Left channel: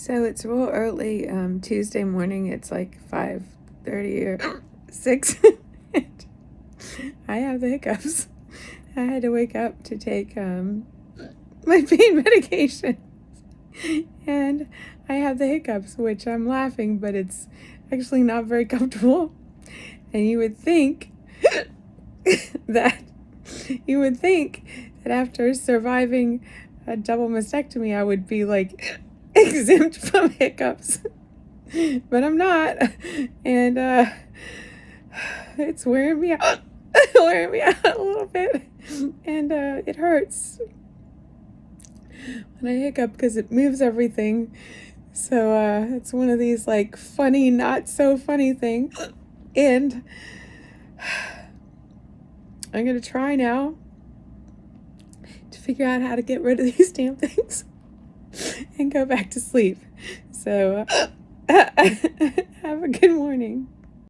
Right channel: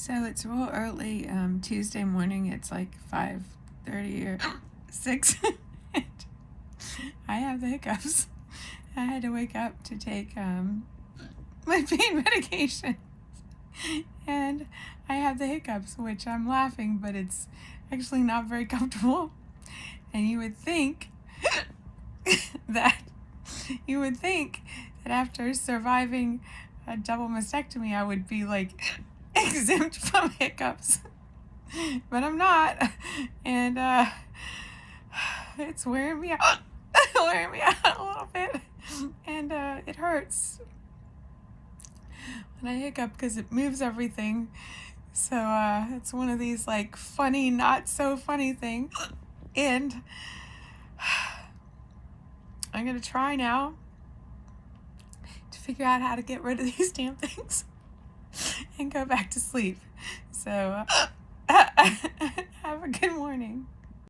So it's real early Tuesday morning. It's like 5:30 or 6. I have the hiccups. I had to wake up to take my pain medication. And I have the hiccups, which I'm laughing, but it's actually not very comfortable. And you would think that after surviving a double mastectomy, I would be like exempt from hiccups, but I'm not, and it's wearing me out, wearing me out a little bit, and it hurts when I hiccup because it moves everything. So it's one of these like funny, not so funny things, and I'm gonna try now to figure out how to get rid of these damn things and go back to sleep. So